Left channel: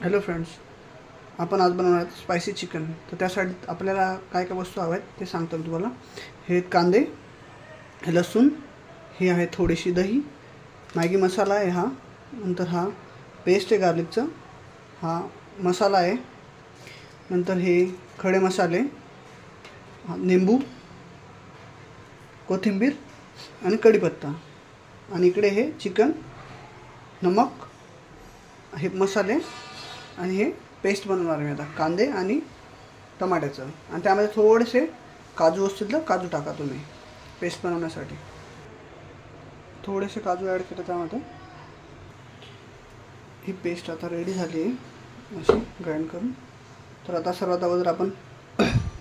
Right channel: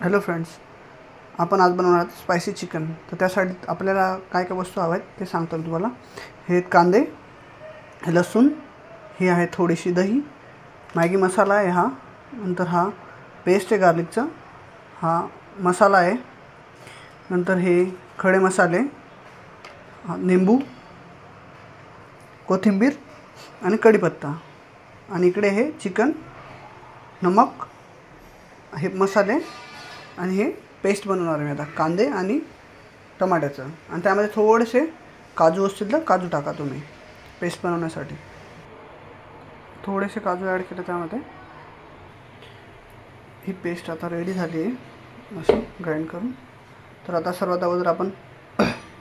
Hello friends, आपण आज बनवणार आहोत स्पायसी चिकन. तर त्यासाठी आपल्याला काय काय वस्तू हव्या आहेत ते सांगतो मी तुम्हाला. हे कांदे, हे लसूण, ही आहे थोडीशी दही, मॅगी मसाला आहे हा, नंतर हा पेस्ट आहे गार्लिकचा, हा मसाला आहे, नंतर हे खडे मसाले, निंबू, कोथिंबीर आणि कढीपत्ता, आणि इकडे हे चिकन, नमक, हे मसाले आणि हे पेस्ट बनवणार आहे मी आता कांदे आणि टमाट्याचं. आणि त्यामध्ये थोडेसे काजू असतील तर काजू टाका तुम्ही पेस्ट बनवण्यासाठी. थोडेसे काजू ॲड केले त्यामध्ये. ही पेस्ट आता रेडी झाली आहे अशी ग्राइंड करून. तर आता सर्वात अगोदर आपण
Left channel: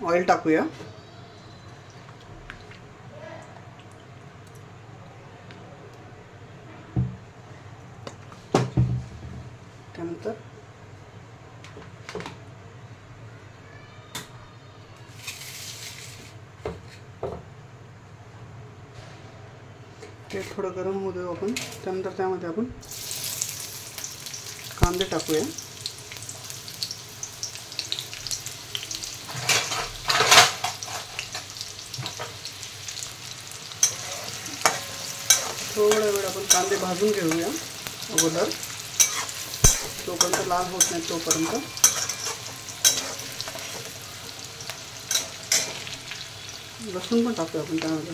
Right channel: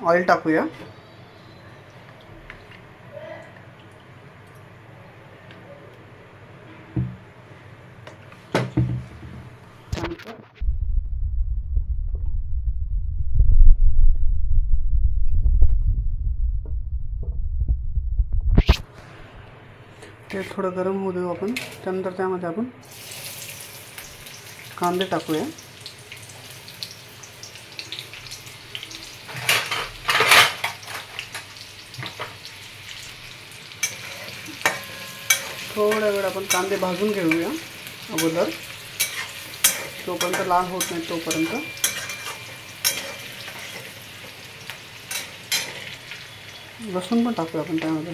ऑइल टाकूया. त्यानंतर तेल थोडं गरम होऊ देऊ आपण. त्यानंतर त्यामध्ये आपण कांदे टाकूया. थोड्या वेळ आपण कांदे भाजून घेऊया अगोदर, तोपर्यंत लाल होत नाही तोपर्यंत. लसूण पण टाकूया आपण त्यामध्ये.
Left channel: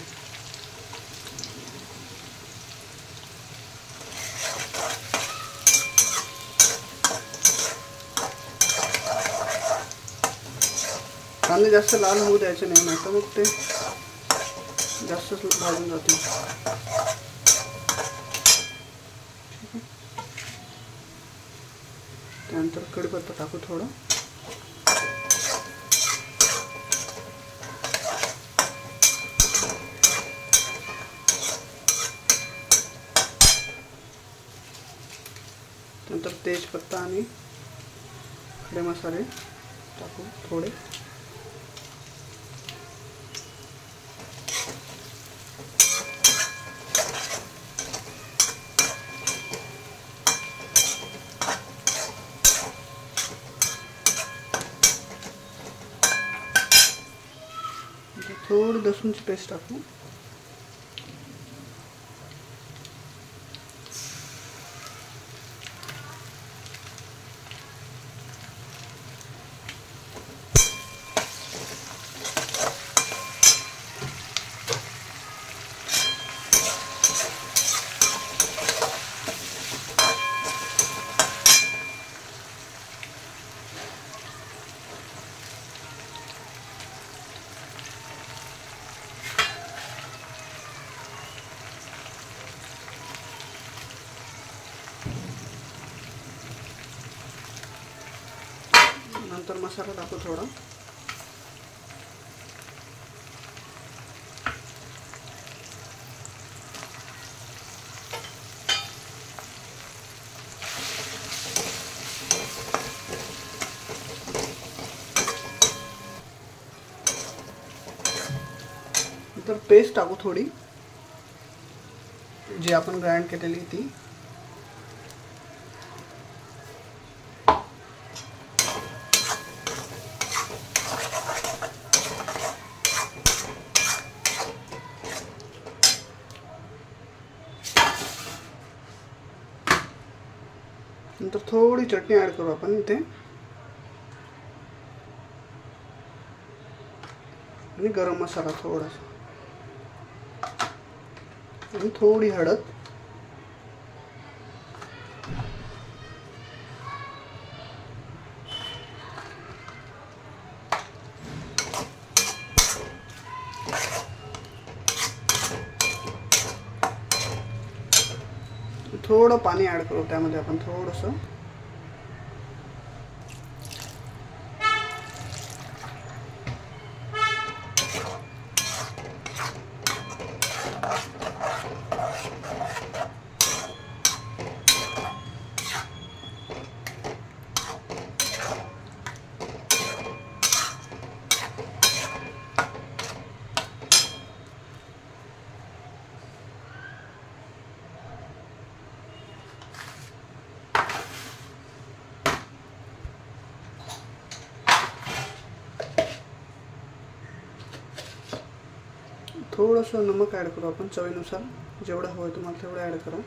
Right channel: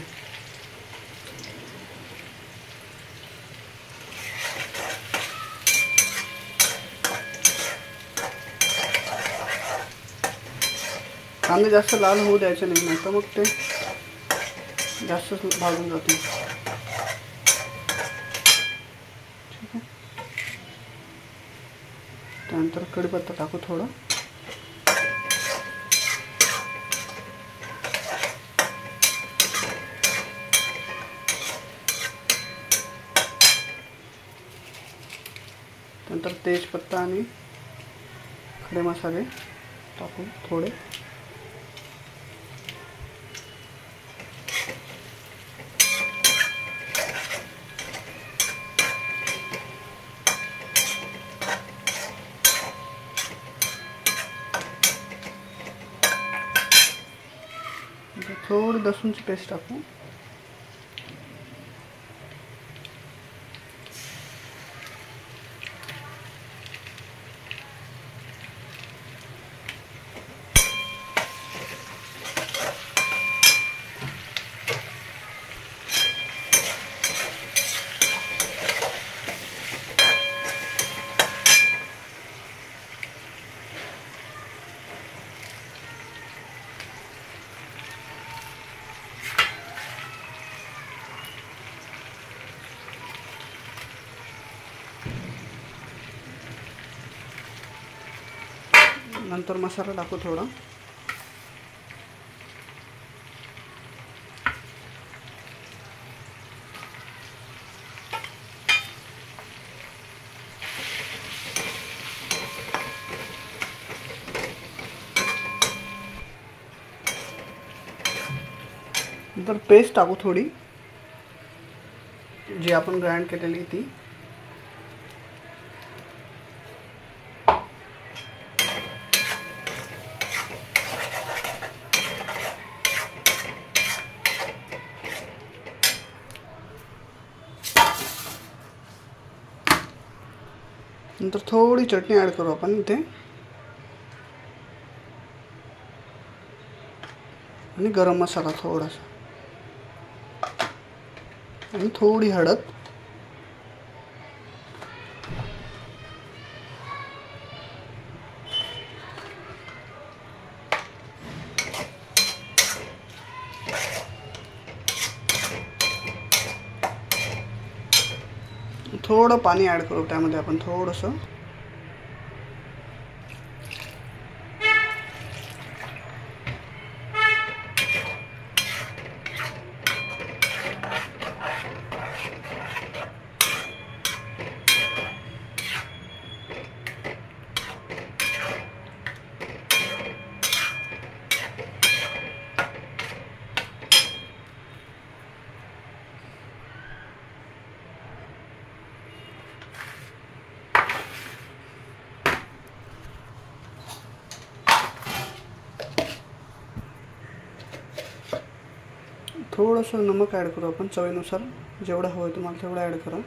कांदे जास्त लाल होऊ द्यायचे नाही, नाही तर मग ते जास्तच भाजून जातील. ठीक आहे. त्यानंतर कढीपत्ता टाकू थोडा. नंतर तेजपत्ता आणि खडे मसाले टाकू थोडे. थोडी लसूणची पेस्ट टाकू. नंतर मसाला टाकू थोडा. नंतर पेस्ट टाकू थोडी, जी आपण ग्राइंड केलेली ती. नंतर थोडी चटणी ॲड करू आपण इथे, आणि गरम मसाला थोडासा, आणि थोडी हळद. थोडं पाणी ॲड करू त्यामध्ये आपण थोडंसं. थोडंसं नमक ॲड करू आपण चवीनुसार, जेवढं हवं आहे तुम्हाला तेवढं ॲड करा.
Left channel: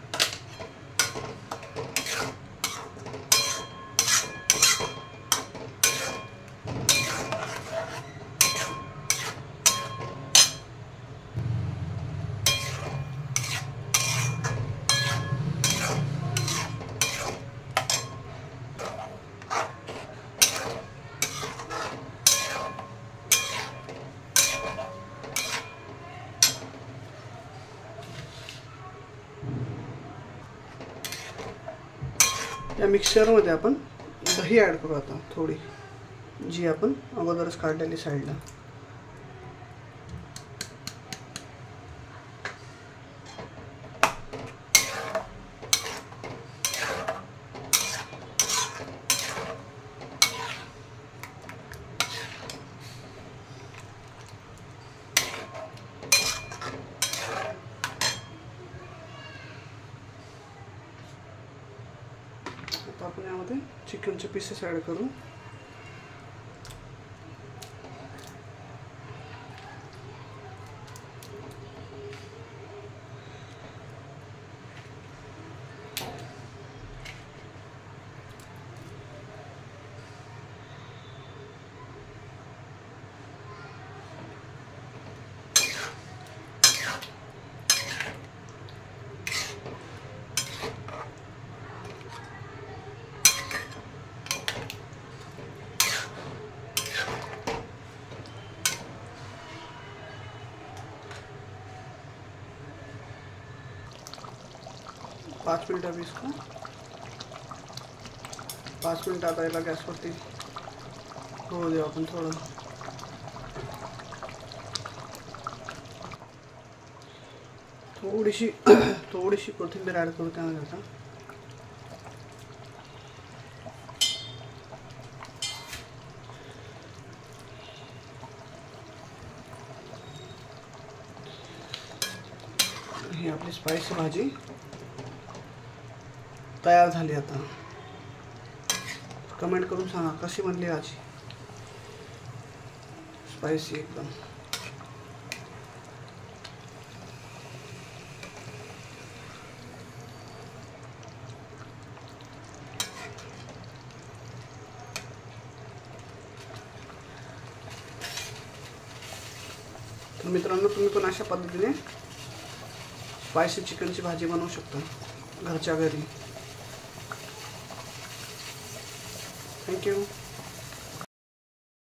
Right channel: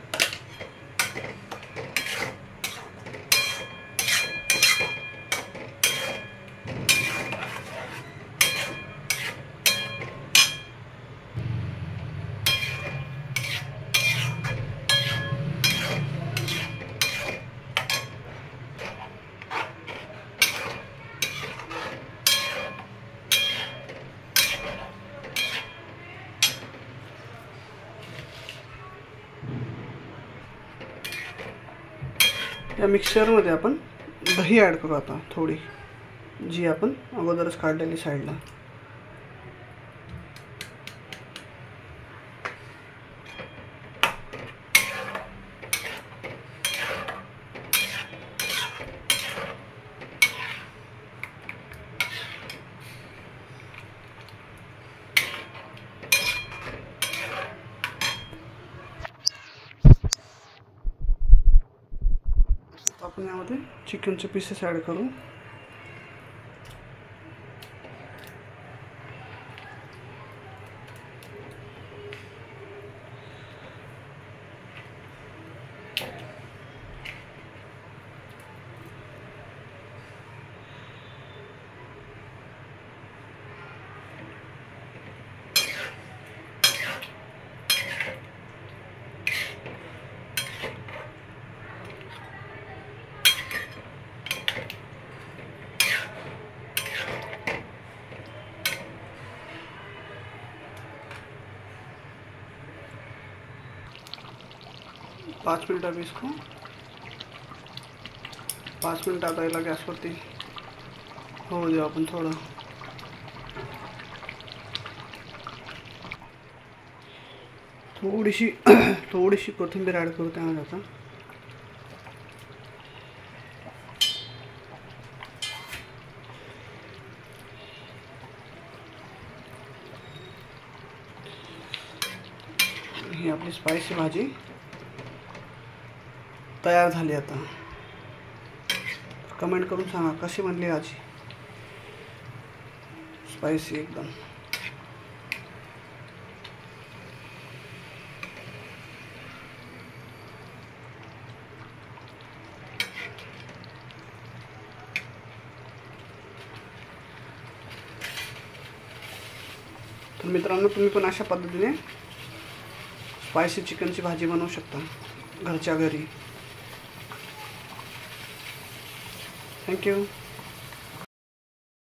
या मिक्सरमध्ये आपण दही ॲड करू आता थोडी, जी आपण अगोदरच काढलेली साईडला. आपण यामध्ये चिकनचे पीसेस ॲड करू. पाँच मिनट अभी इसको 5 मिनट आता याला गॅसवरती होऊ देऊ आपण. थोडीशी कोथिंबीर ॲड करू त्यामध्ये आता. ही आपली स्पायसी भाजी तयार झाली. आता कमेंट करून सांगा कशी बनली भाजी, स्पायसी एकदम. तर मित्रांनो, तुम्ही पण अशा पद्धतीने स्पायसी चिकनची भाजी बनवू शकता घरच्या घरी. थँक्यू.